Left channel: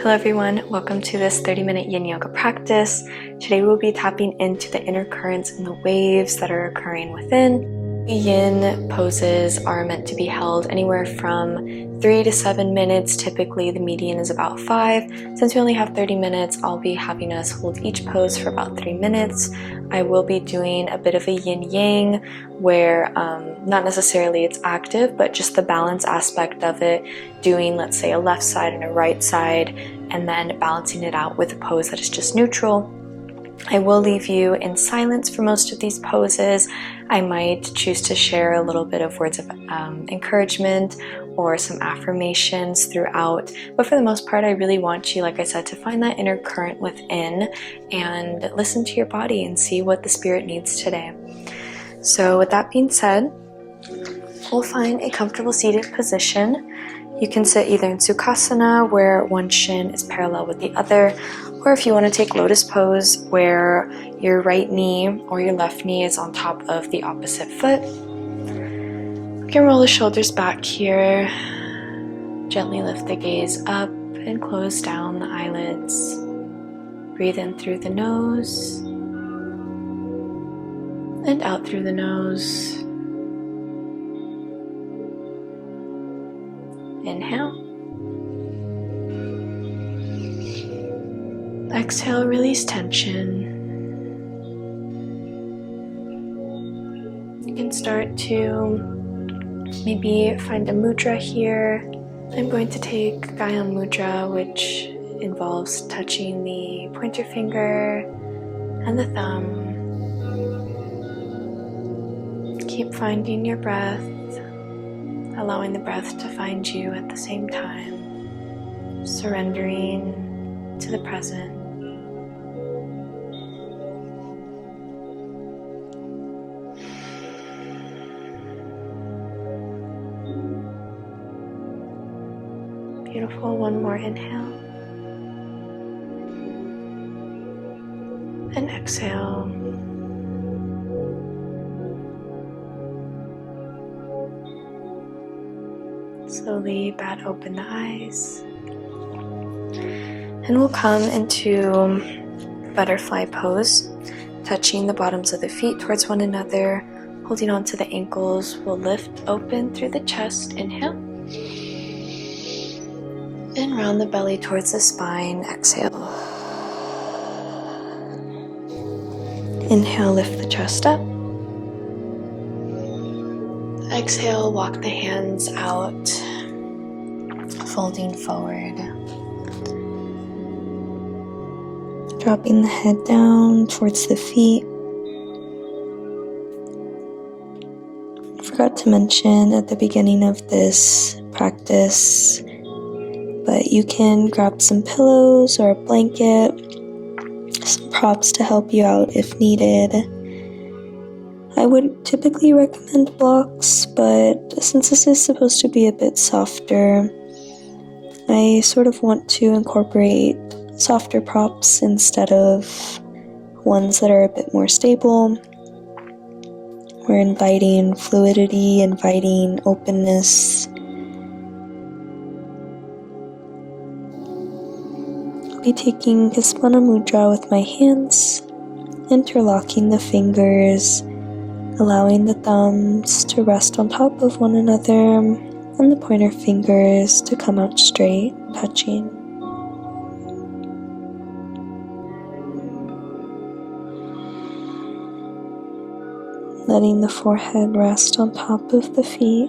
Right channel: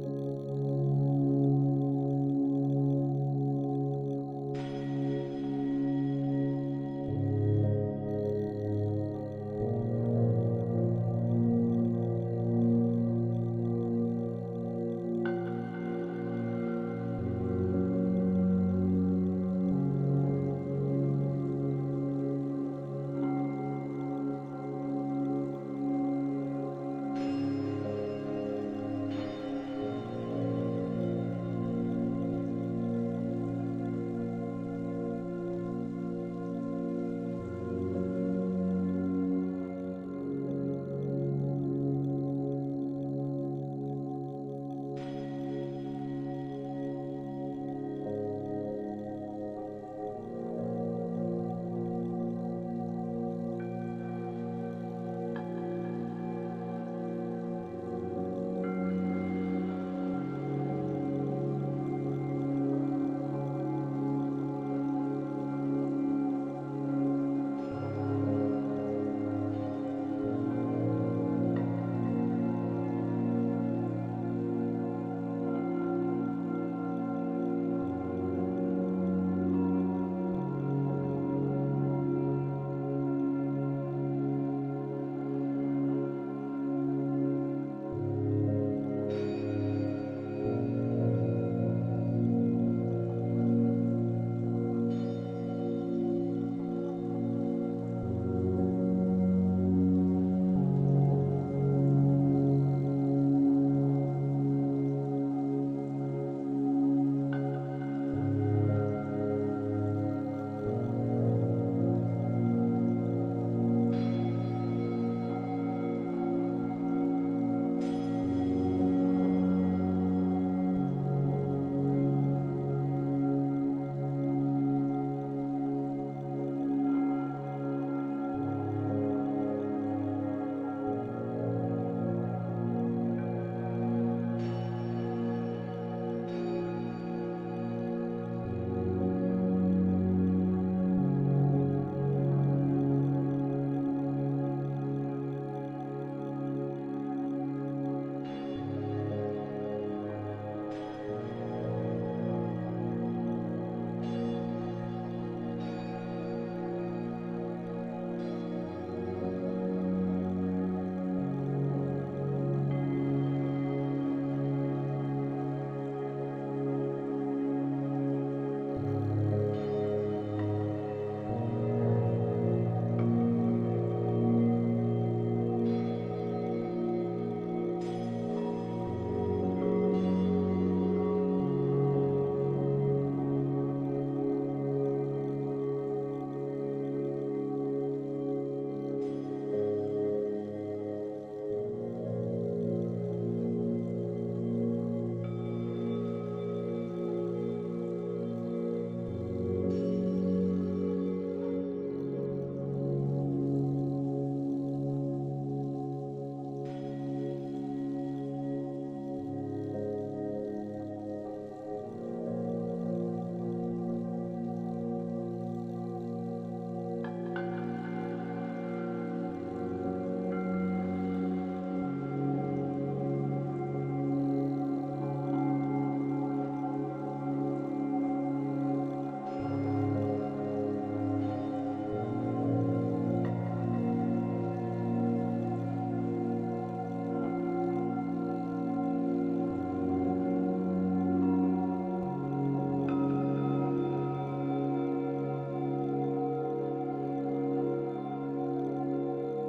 Hello everyone, welcome to this 30-minute Yin Yoga practice. Today we'll be tapping into the inner currents and the waves that are occurring within. Yin poses are meant to be held anywhere from 3 to 7 minutes. Typically the median is about 5. Since we only have 30 minutes, I'll be having us hold each pose for about 3 minutes. I will be doing a bit of a yin yang where not necessarily it's active, but just the balance aspect of it, doing let's say a left side and a right side, and then balancing it out with a pose that is just neutral. I will leave you in silence for most of these poses. I might choose to share a little bit of words of encouragement or some affirmations throughout, but for the most part I really want you, like I said, to find that inner current within and listen to your body and see what the spirit needs today. So with that being said, we'll find a comfortable seated position. You can sit either in Sukhasana, where one shin is parallel with the other, or if you want to take lotus pose, where your right knee or your left knee is on top of the opposite foot. You can roll the shoulders back here. Gently lift the gaze up and close down the eyelids. Breathe in through the nose and out through the nose. Inhale. Exhale, release tension. You can start to maybe find a mudra here. I'm going to take Gayam Mudra, which involves touching the pointer finger and the thumb. Keep finding your breath, allowing the breath to find you at the same time, surrendering to the present. Beautiful. One more inhale and exhale. Slowly bat open the eyes, and we'll come into butterfly pose, touching the bottoms of the feet towards one another, holding on to the ankles. We'll lift open through the chest, inhale, and round the belly towards the spine, exhale. Inhale, lift the chest up. Exhale, walk the hands out, folding forward. Dropping the head down towards the feet. I forgot to mention at the beginning of this practice, but you can grab some pillows or a blanket, some props to help you out if needed. I would typically recommend blocks, but since this is supposed to be a bit softer, I sort of want to incorporate softer props instead of ones that are a bit more stable. We're inviting fluidity, inviting openness. I'll be taking Kaspana Mudra with my hands, interlocking the fingers, allowing the thumbs to rest on top of one another and the pointer fingers to come out straight, touching. Letting the forehead rest on top of the feet.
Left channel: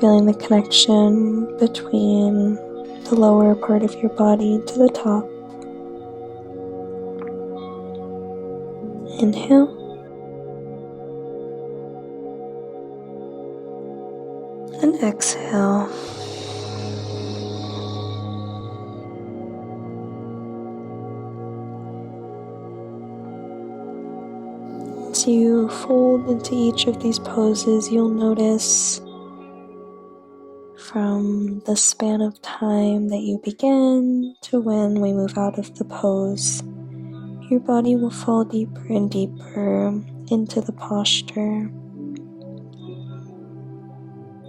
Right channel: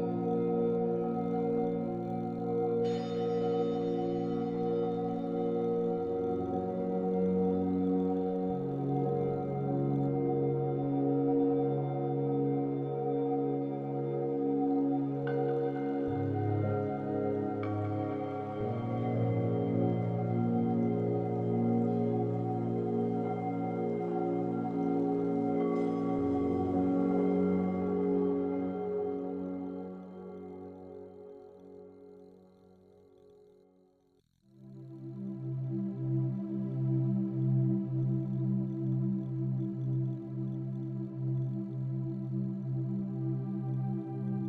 Feeling the connection between the lower part of your body to the top. Inhale. And exhale. As you fold into each of these poses, you'll notice from the span of time that you begin to when we move out of the pose, your body will fall deeper and deeper into the posture.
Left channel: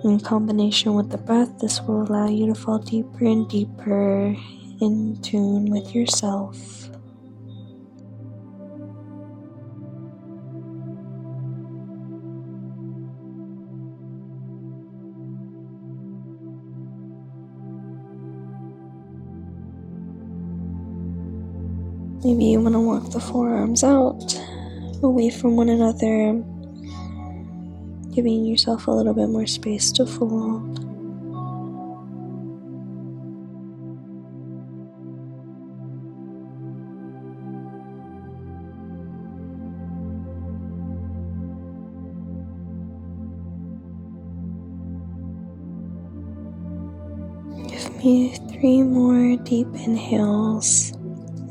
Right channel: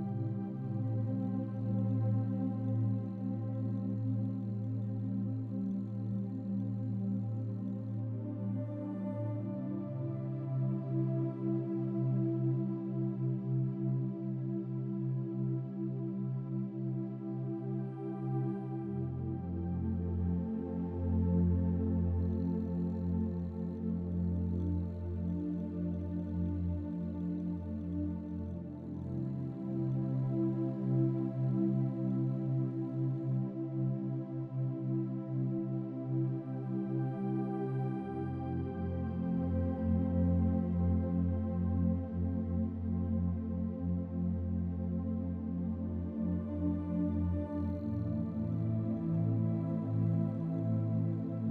In combination with the breath, this will allow you to fall deeper and deeper in tune with yourself. Maybe you want to walk the forearms out, away from one another, giving yourself a little bit more space to fold. Give me 3 more deep inhales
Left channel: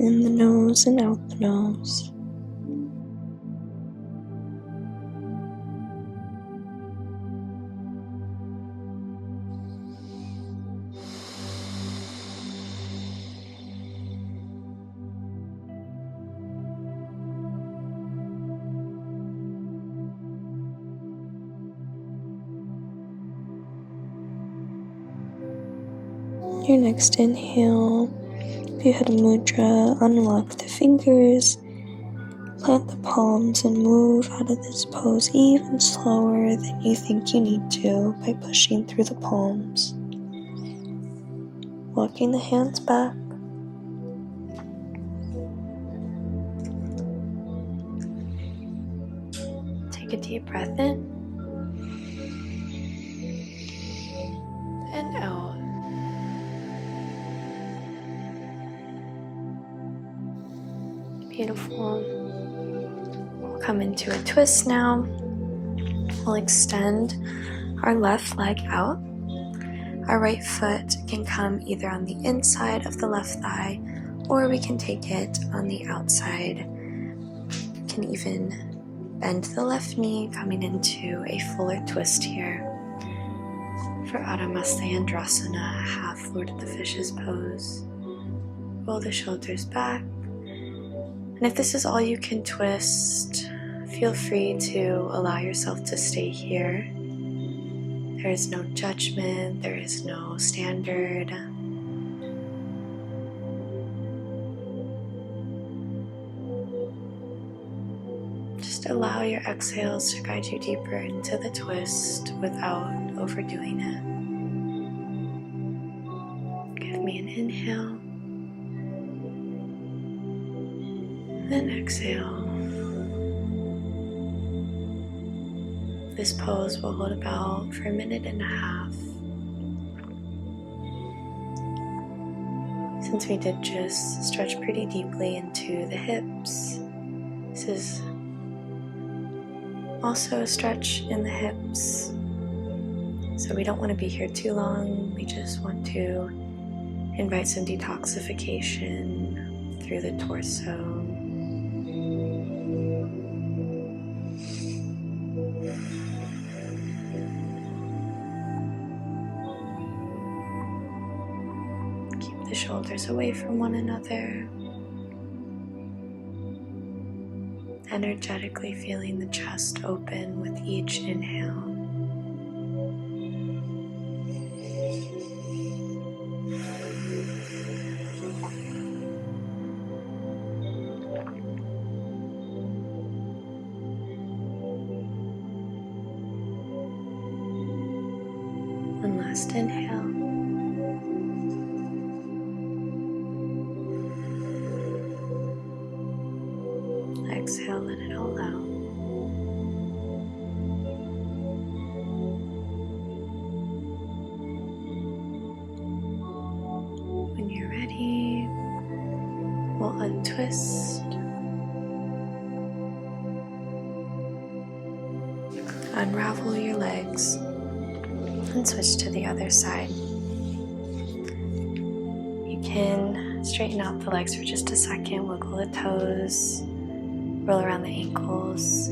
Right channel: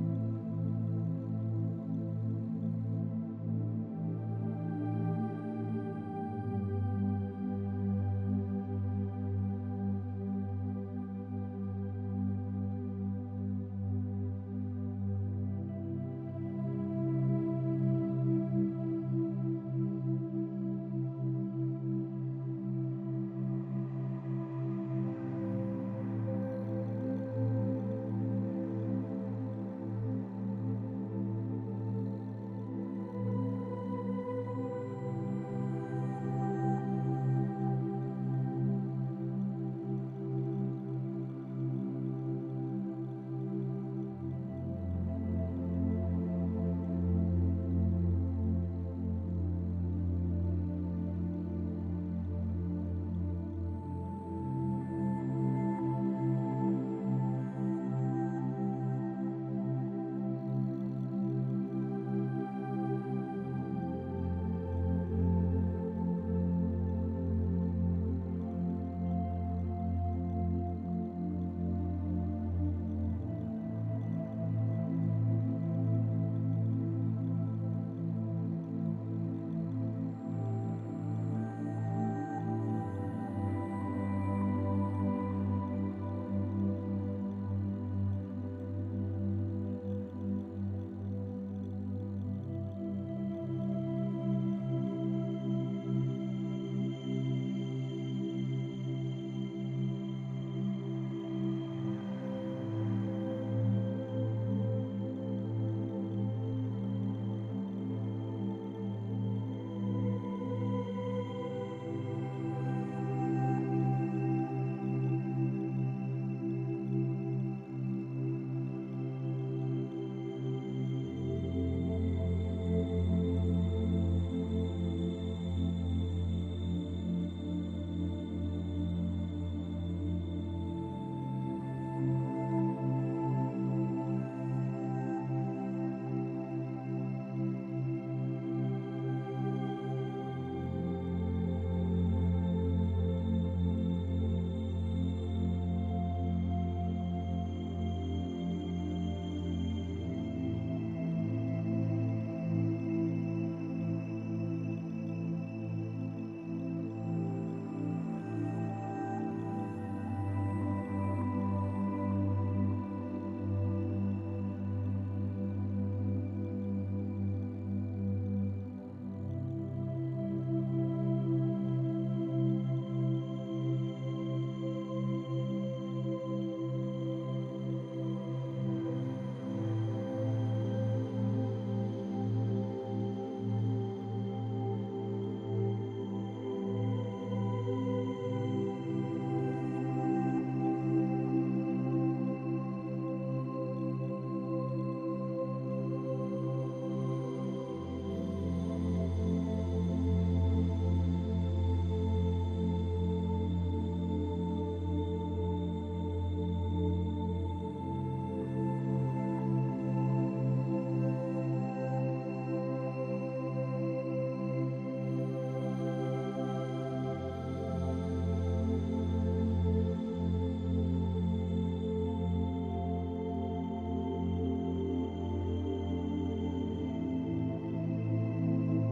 in the nose and out the nose. Your next inhale, if you had a mudra, unlock the fingers, plant the palms, and move out of this pose even slower than you think you need to by pushing through the palms. Walking the hands back. Take a deep breath in and out. Beautiful. We'll come into a twist now. We'll extend our left leg out. Our right foot can come either on the inside of the left thigh, or we can take it on the outside. We can even bend the left knee, coming into a fuller twist here. For Adho Mastayandrasana, half Lord of the Fishes pose. Roll the shoulders back. And if this is all you can twist, feel free to allow yourself to stay here. There is no judgment, there is no standard. Just allow your exhales to guide you deeper into the twist without overdoing it. Give me an inhale. Then exhale. This pose will hold about for 1.5 minutes. Since we did just stretch pretty deeply into the hips, this is also a stretch in the hips. So we don't want to be here too long. We just want to invite some detoxification through the torso. The shoulders away from one another, energetically feeling the chest open with each inhale. One last inhale. Exhale, let it all out. When you're ready, we'll untwist, unravel your legs, and switch to the other side. You can straighten out the legs for just a second, wiggle the toes, roll around the ankles,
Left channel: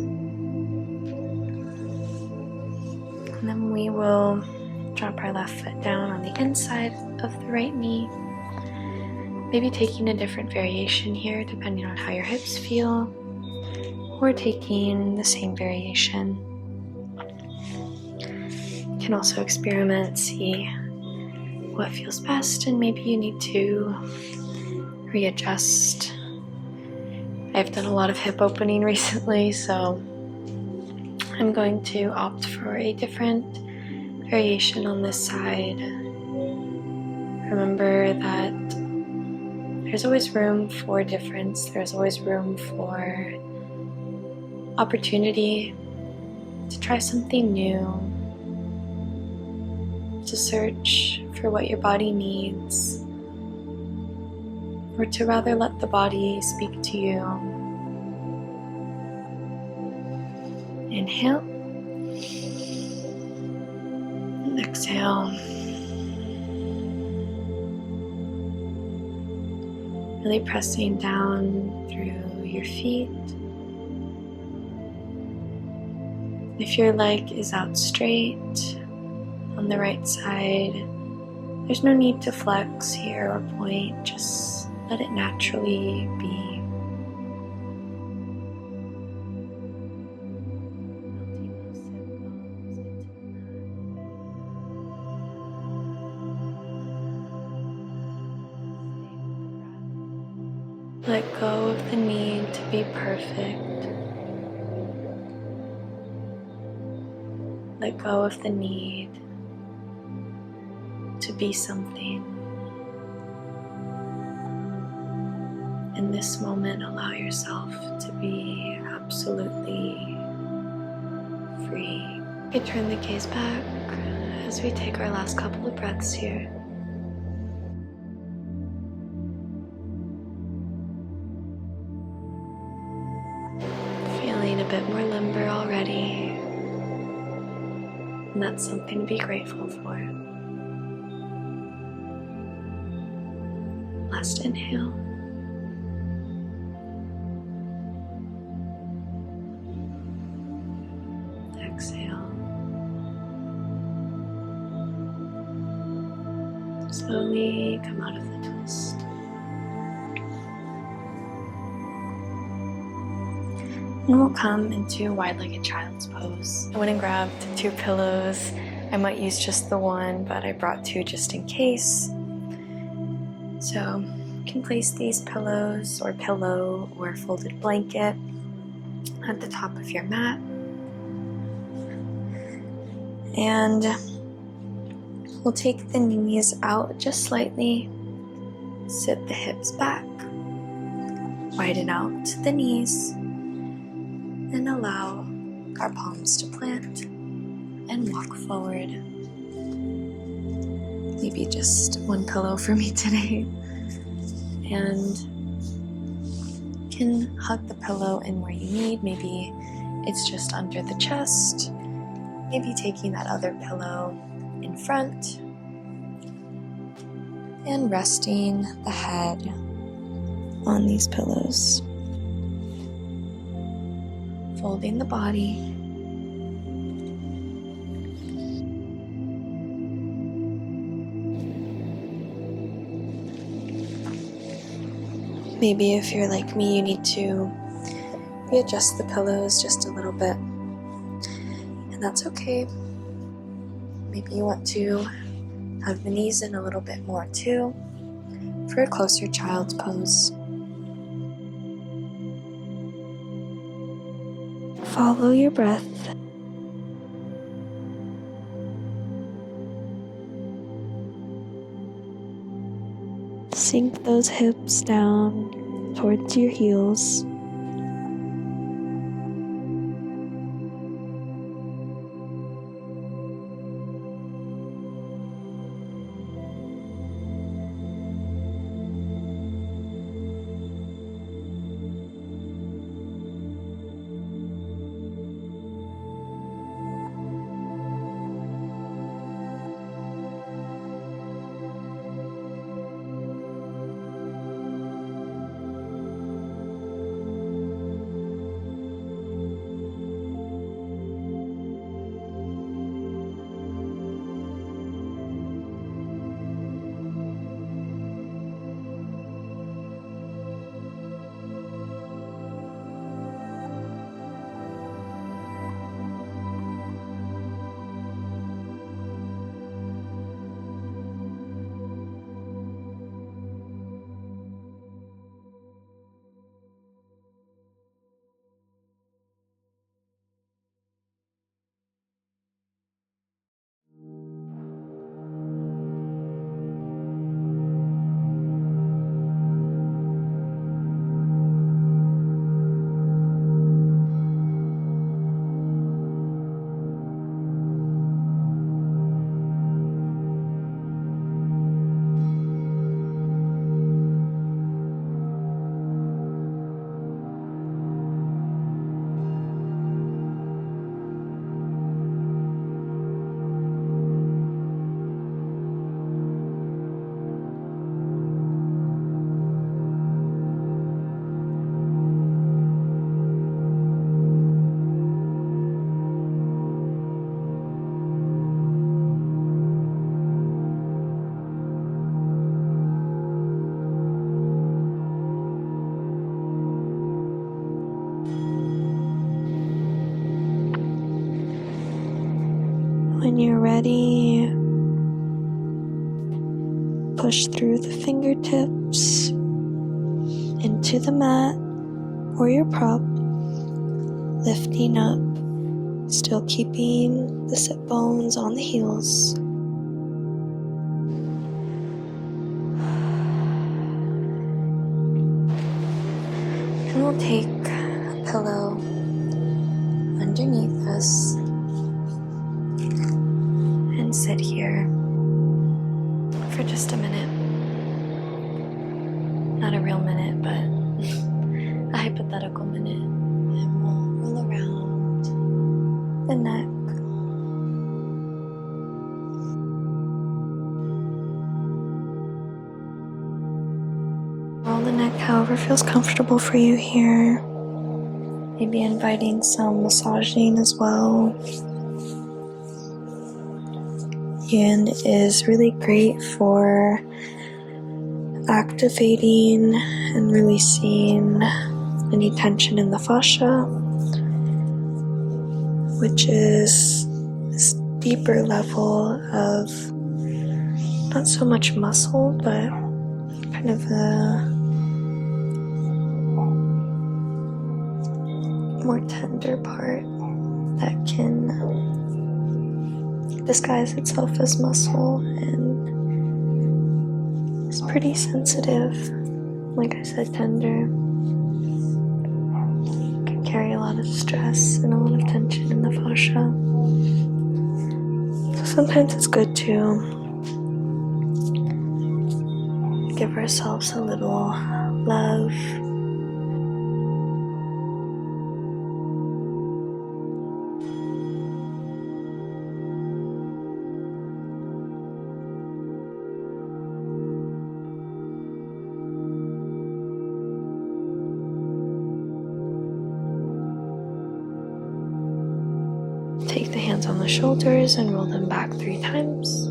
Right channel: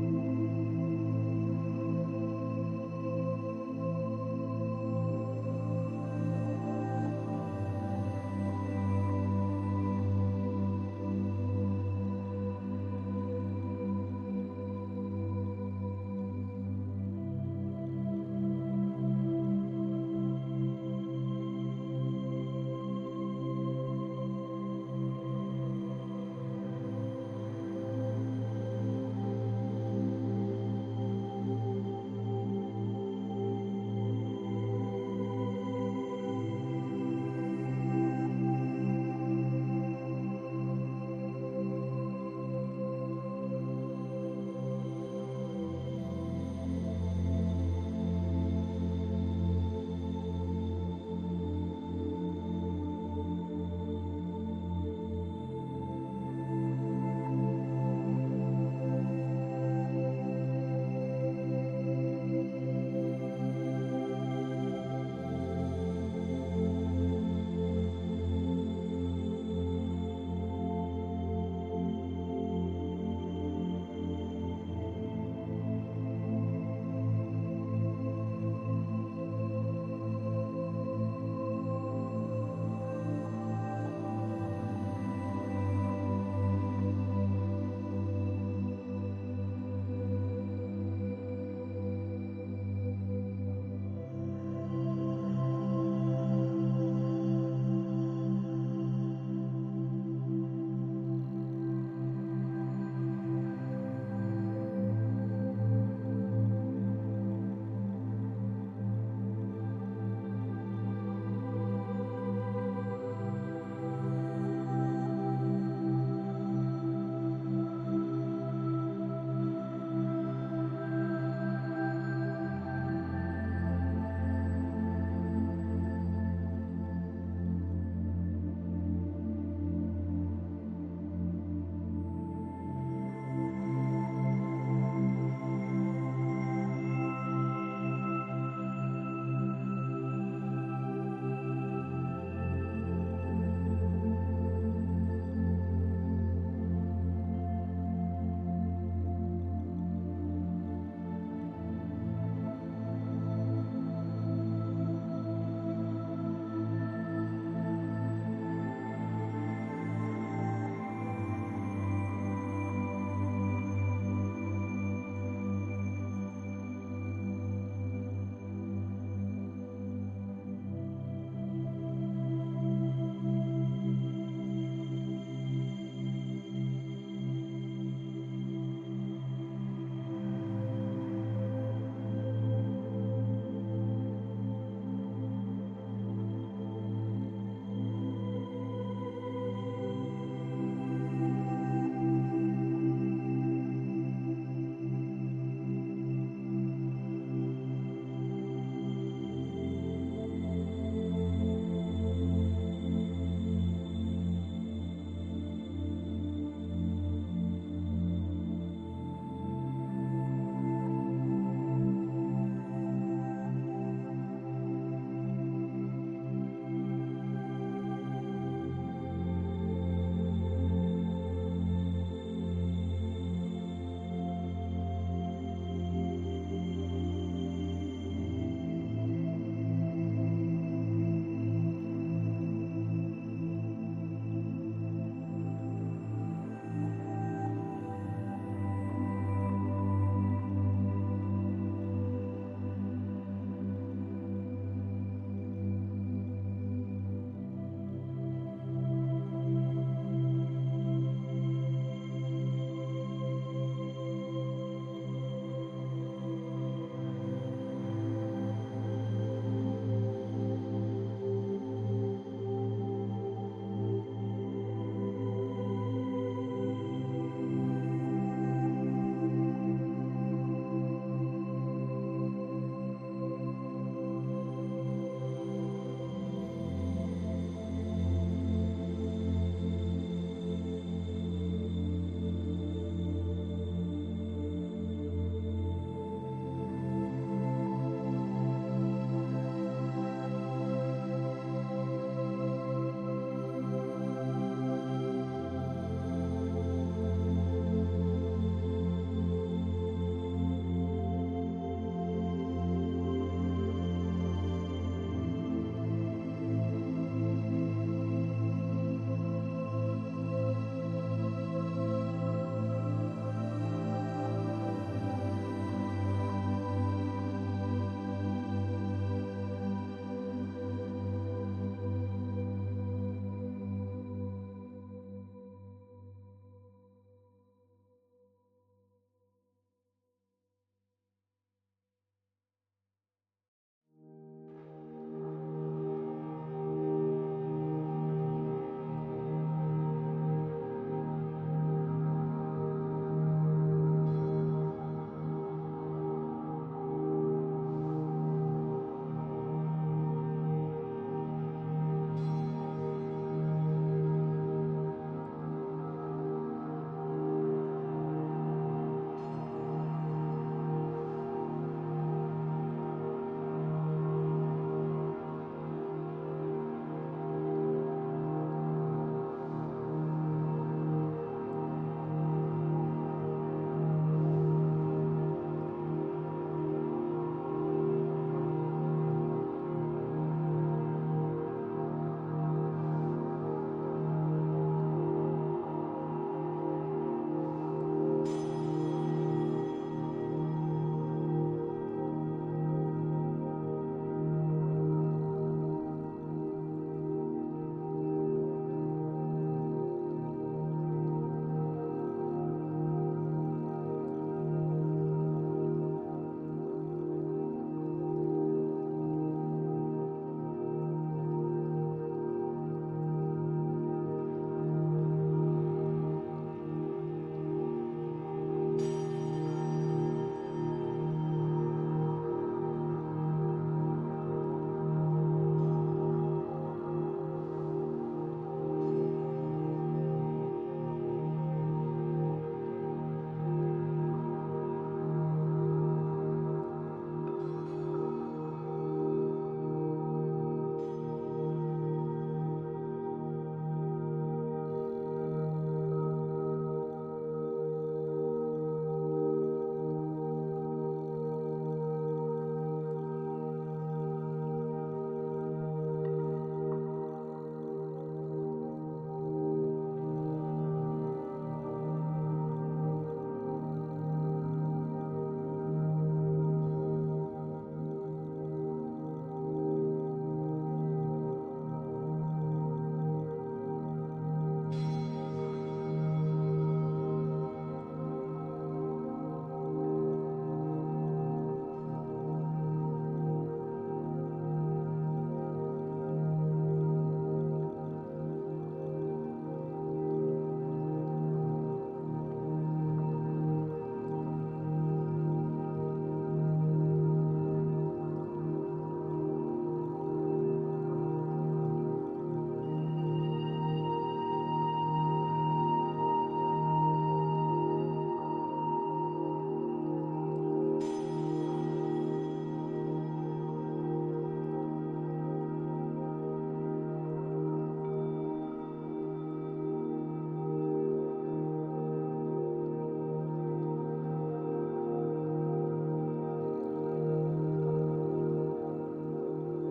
and then we will drop our left foot down on the inside of the right knee, maybe taking a different variation here depending on how your hips feel, or taking the same variation. You can also experiment, see what feels best, and maybe you need to readjust. I've done a lot of hip opening recently, so I'm going to opt for a different variation on this side. Remember that there's always room for difference, there's always room for opportunity to try something new, to search for what your body needs, or to rather let the body speak to you. Inhale, and exhale. Really pressing down through your feet. If your leg is out straight on the right side, there's no need to flex here or point, just let it naturally be. Let go of the need to be perfect. Let go of the need to be something. In this moment, allow yourself to be absolutely free. We turn the gaze back as we take our last couple of breaths here. Feeling a bit more limber already, and that's something to be grateful for. Last inhale. Exhale. Slowly come out of the twist. And we'll come into wide-legged child's pose. I went and grabbed 2 pillows. I might use just the one, but I brought 2 just in case. So you can place these pillows or pillow or folded blanket at the top of your mat. And we'll take the knees out just slightly, sit the hips back, widen out the knees, and allow our palms to plant and walk forward. Maybe just 1 pillow for me today. And you can hug the pillow in where you need. Maybe it's just under the chest. Maybe taking that other pillow in front and resting the head on these pillows. Folding the body. Maybe if you're like me, you need to readjust the pillows just a little bit, and that's okay. Maybe you want to hug the knees in a little bit more too for a closer child's pose. Follow your breath. Sink those hips down towards your heels. ready, push through the fingertips into the mat or your prop, lifting up, still keeping the sit bones on the heels. And we'll take a pillow underneath us and sit here for just a minute. Not a real minute, but a hypothetical minute. And we'll roll around the neck. Roll the neck however feels comfortable for you here. Maybe inviting some massaging as well. Yin is really great for activating and releasing any tension in the fascia, which is this deeper level of not so much muscle, but kind of a more tender part that can disguise itself as muscle and is pretty sensitive. Like I said, tender. Can carry a lot of stress and a lot of tension in the fascia. So sometimes it's good to give ourselves a little love. Take the hands on the shoulders and roll them back 3 times.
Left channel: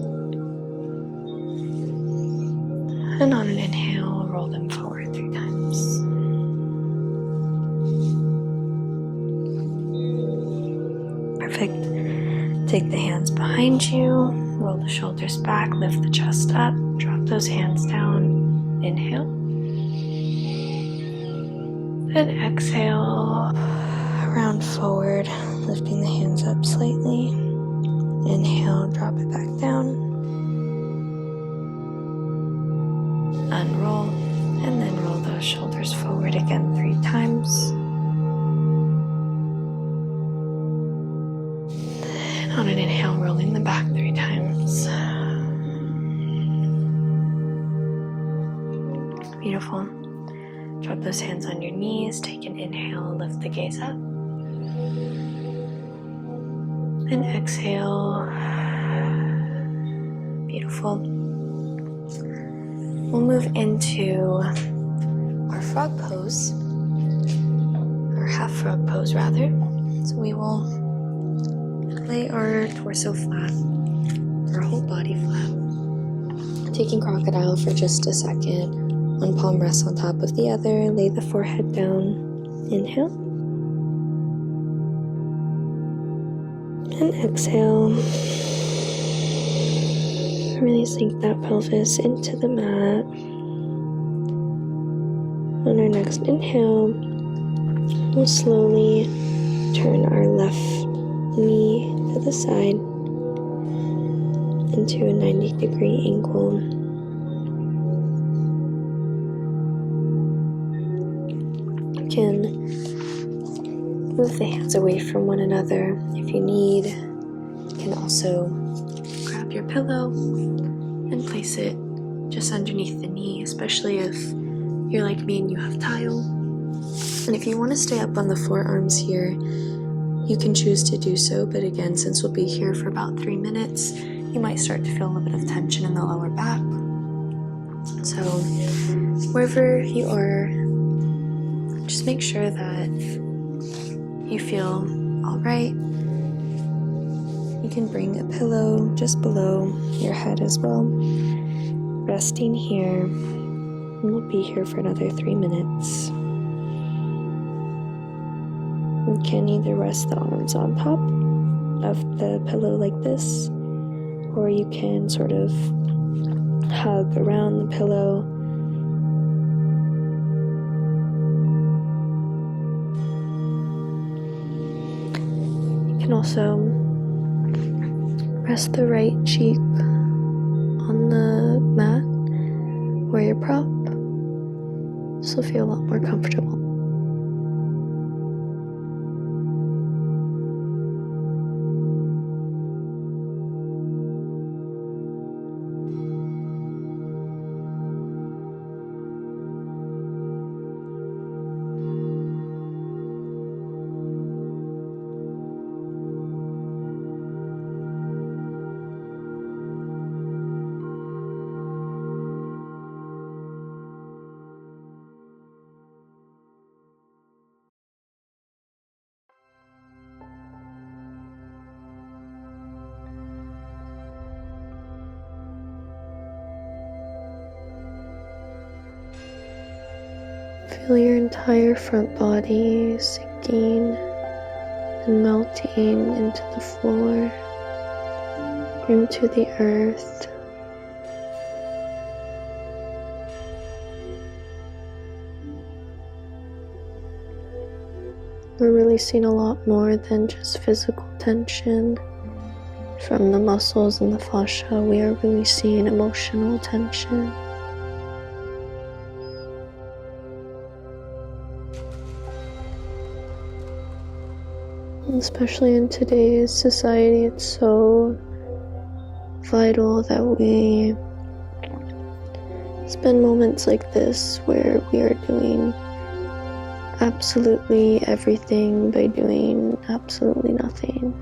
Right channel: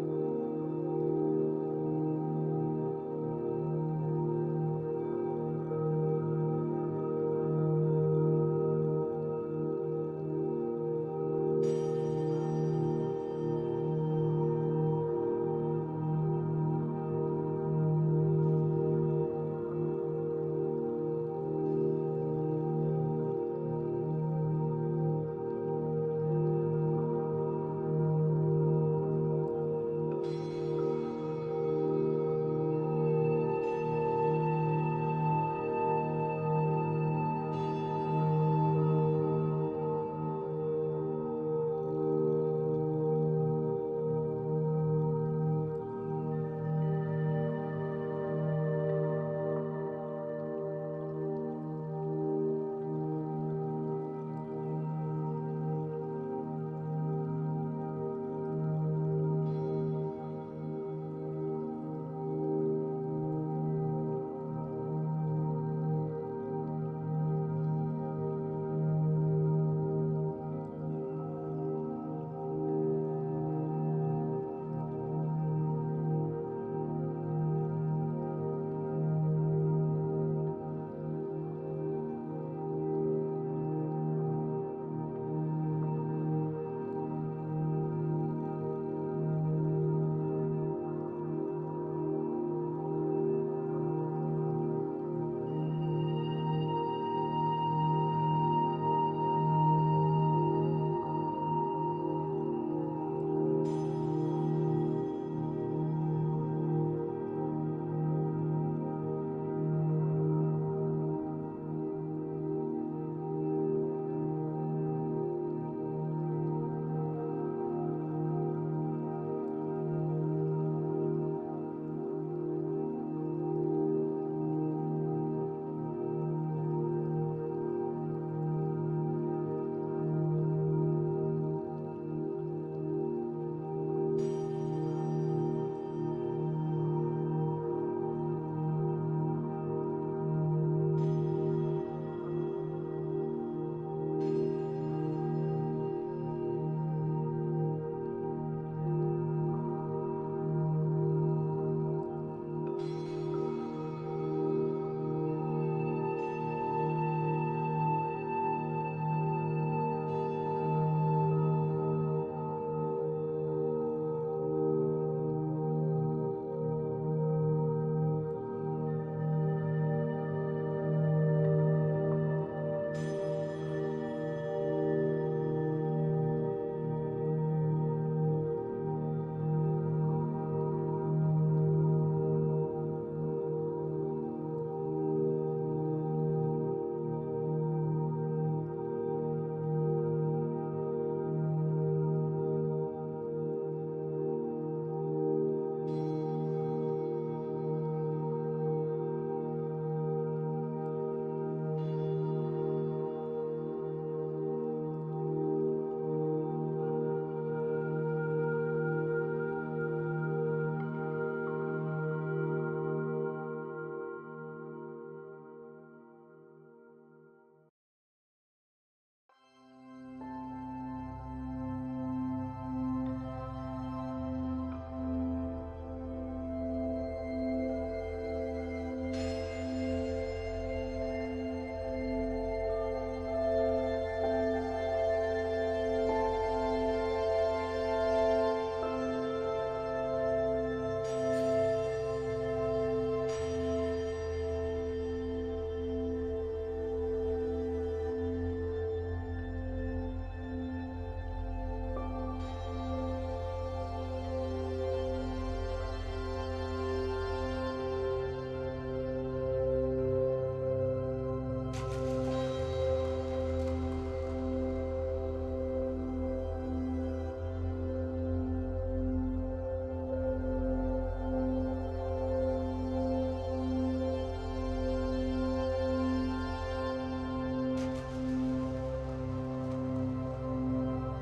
And on an inhale, roll them forward 3 times. Perfect. Take the hands behind you, roll the shoulders back, lift the chest up, drop those hands down. Inhale. And exhale, round forward, lifting the hands up slightly. Inhale, drop it back down. Unroll, and then roll those shoulders forward again 3 times. And on an inhale, rolling them back 3 times. Beautiful. Drop those hands on your knees, take an inhale, lift the gaze up. And exhale. Beautiful. We'll move into our frog pose, or half frog pose rather. So we will lay our torso flat, our whole body flat. Taking crocodile for just a second. One palm rests on top of the other. Lay the forehead down. Inhale. And exhale. Really sink that pelvis into the mat. On our next inhale, we'll slowly turn our left knee to the side into a 90-degree angle. You can move the hands away from one another if you need. You can also grab your pillow and place it just underneath the knee, especially if you're like me and you have tile. And if you want to stay up on the forearms here, you can choose to do so, but again, since we'll be here for about 3 minutes, you might start to feel a little bit of tension in the lower back. So wherever you are, just make sure that you feel all right. You can bring a pillow just below your head as well. Resting here, and we'll be here for another 3 minutes. You can either rest the arms on top of the pillow like this, or you can sort of hug around the pillow. You can also rest the right cheek on the mat or your prop. This will feel a lot more comfortable. Feel your entire front body sinking and melting into the floor, into the earth. We're releasing a lot more than just physical tension from the muscles and the fascia. We are releasing emotional tension. Especially in today's society, it's so vital that we spend moments like this where we are doing absolutely everything by doing absolutely nothing.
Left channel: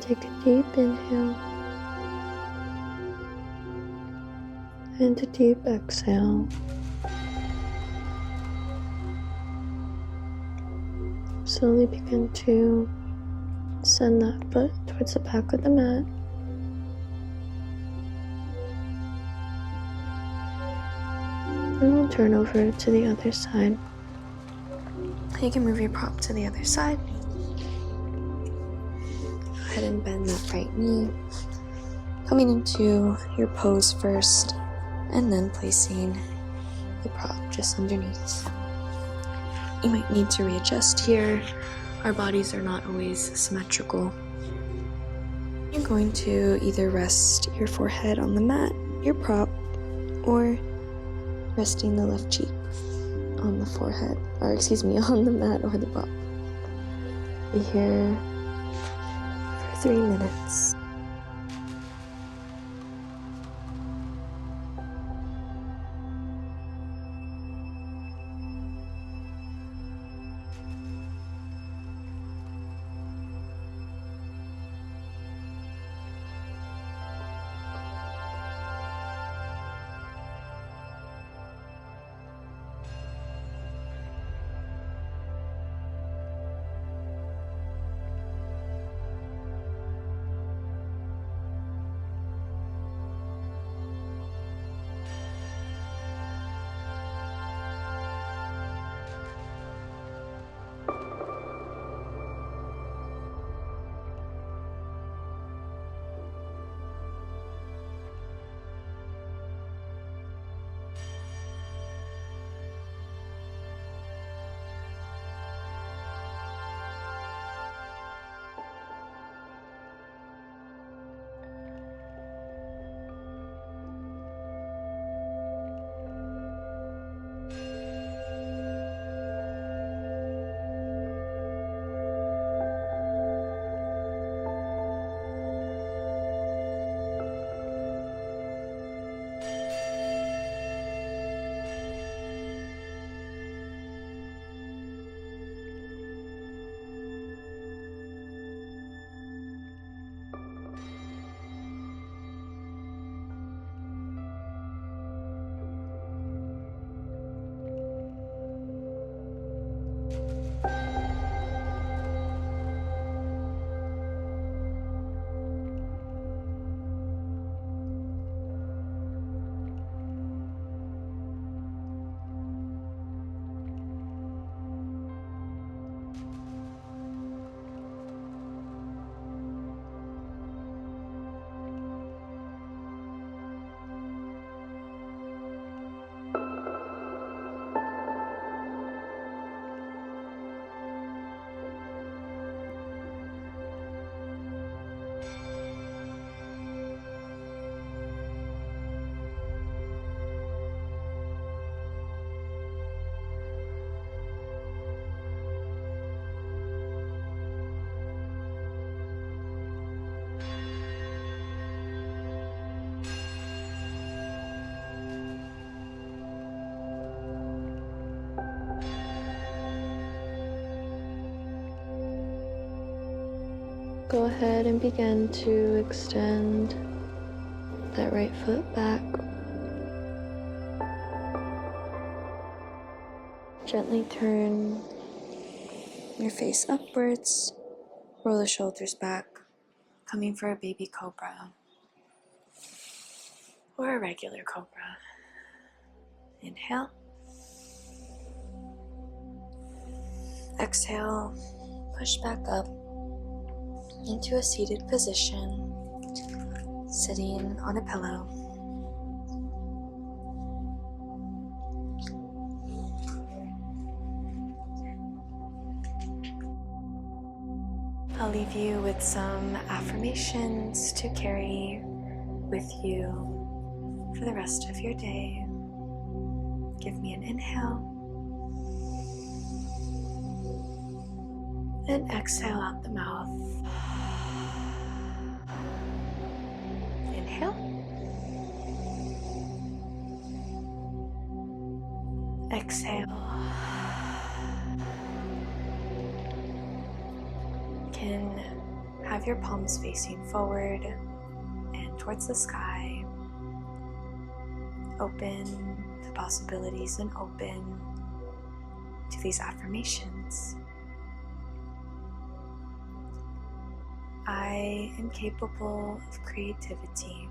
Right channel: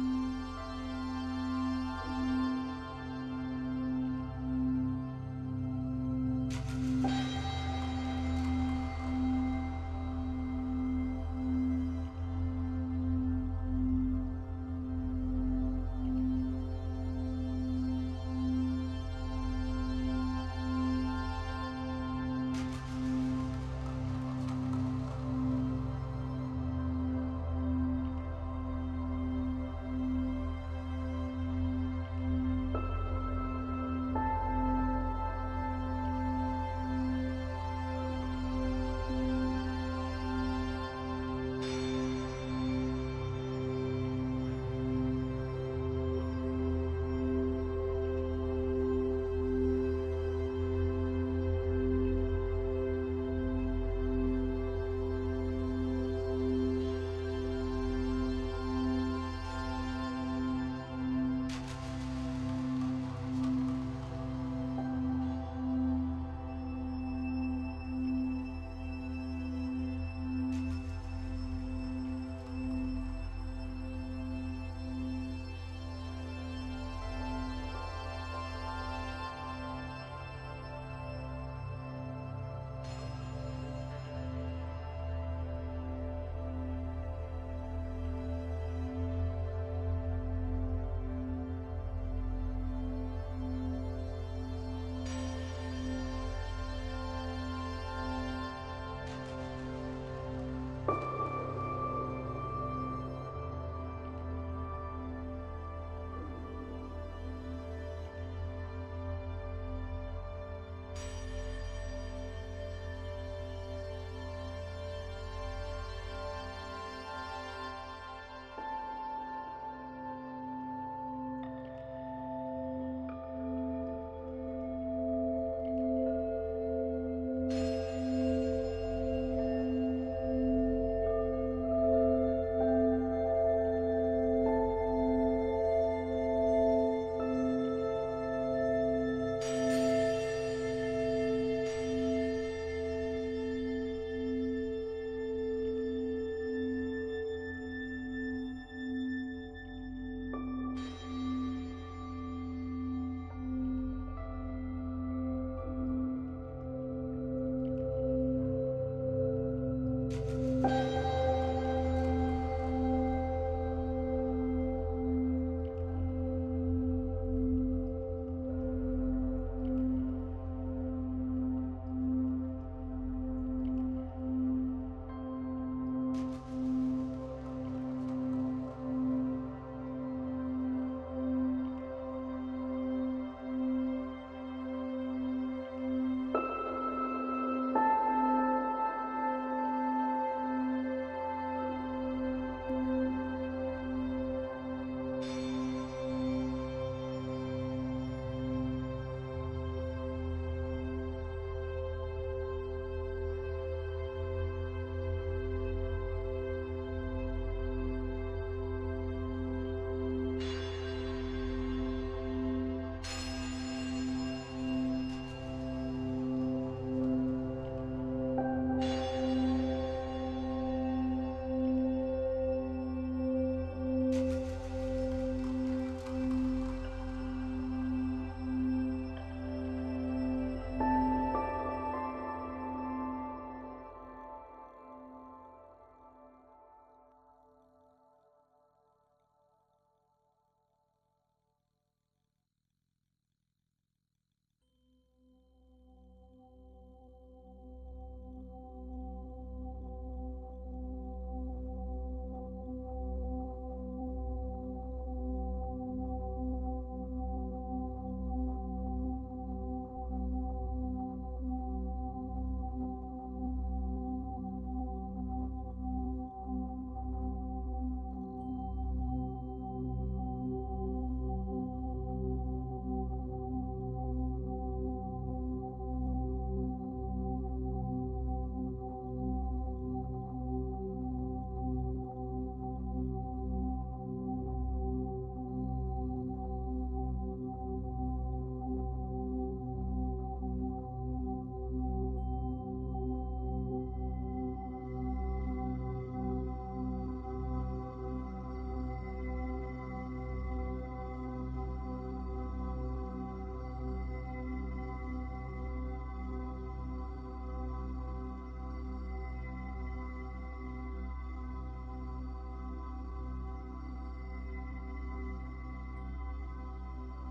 Take a deep inhale and a deep exhale. Slowly begin to send that foot towards the back of the mat. And we'll turn over to the other side. You can move your prop to the other side. Go ahead and bend that right knee. Coming into your pose first, and then placing the prop just underneath. You might need to readjust here. Our bodies are not always symmetrical. You're going to either rest your forehead on the mat, your prop, or resting the left cheek on the forehead, on the mat or the prop. Be here for 3 minutes. Go ahead and begin to extend that right foot back. Gently turn your face upwards, roll the shoulders back, coming for a baby cobra or a regular cobra. Inhale. Exhale, push back up into a seated position, sitting on a pillow. I'll leave you with some affirmations to carry with you for the rest of your day. Give me an inhale and exhale out the mouth. Inhale. Exhale. You can have your palms facing forward and towards the sky. Open to possibilities and open to these affirmations. I am capable of creativity.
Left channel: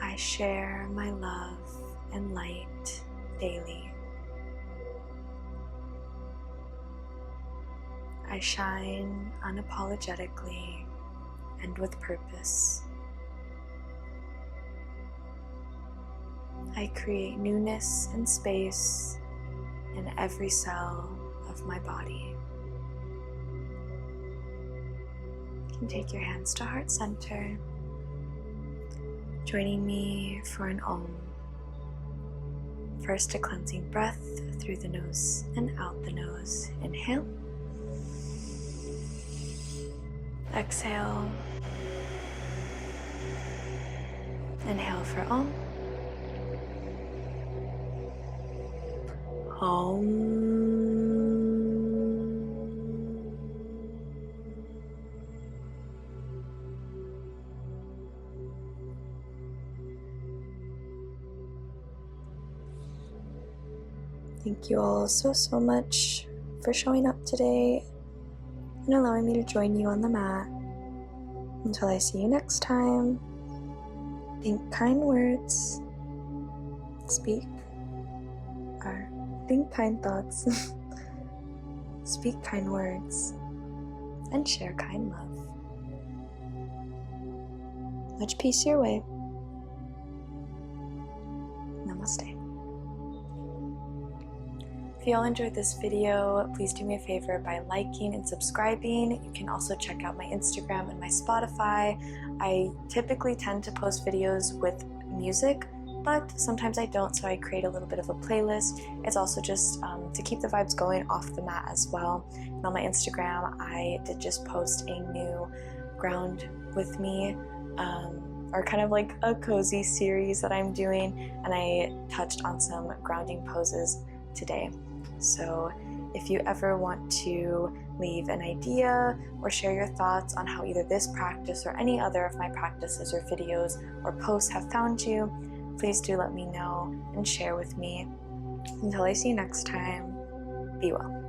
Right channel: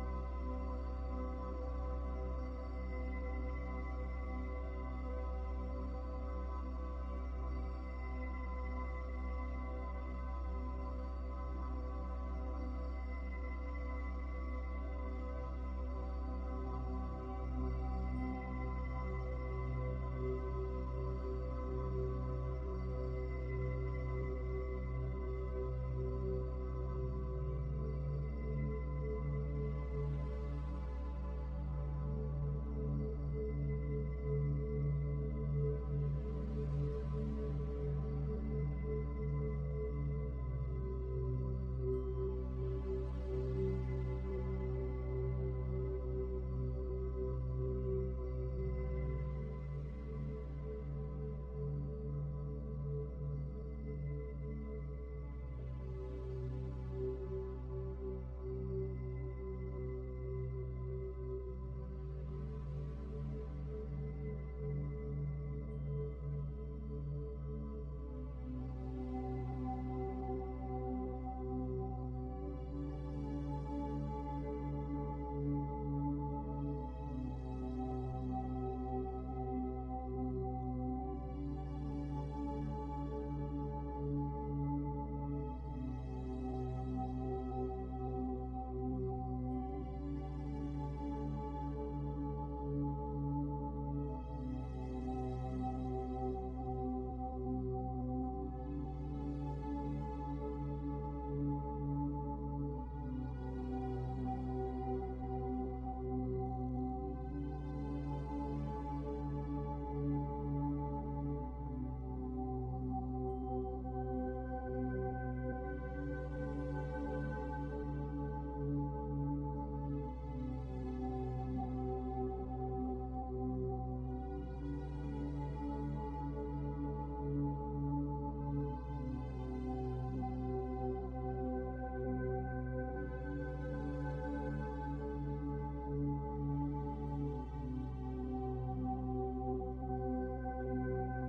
I share my love and light daily. I shine unapologetically and with purpose. I create newness and space in every cell of my body. You can take your hands to heart center, joining me for an Om. First, a cleansing breath through the nose and out the nose. Inhale. Exhale. Inhale for Om. Om. Thank you all so much for showing up today and allowing me to join you on the mat. Until I see you next time, think kind words, think kind thoughts, speak kind words, and share kind love. Much peace your way. Namaste. If you all enjoyed this video, please do me a favor by liking and subscribing. You can also check out my Instagram and my Spotify. I typically tend to post videos with music, but sometimes I don't, so I create a little bit of a playlist. It's also just to keep the vibes going off the mat as well. And on my Instagram, I did just post a new ground with me, or kind of like a cozy series that I'm doing, and I touched on some grounding poses today. So if you ever want to leave an idea or share your thoughts on how either this practice or any other of my practices or videos or posts have found you, please do let me know and share with me. Until I see you next time, be well.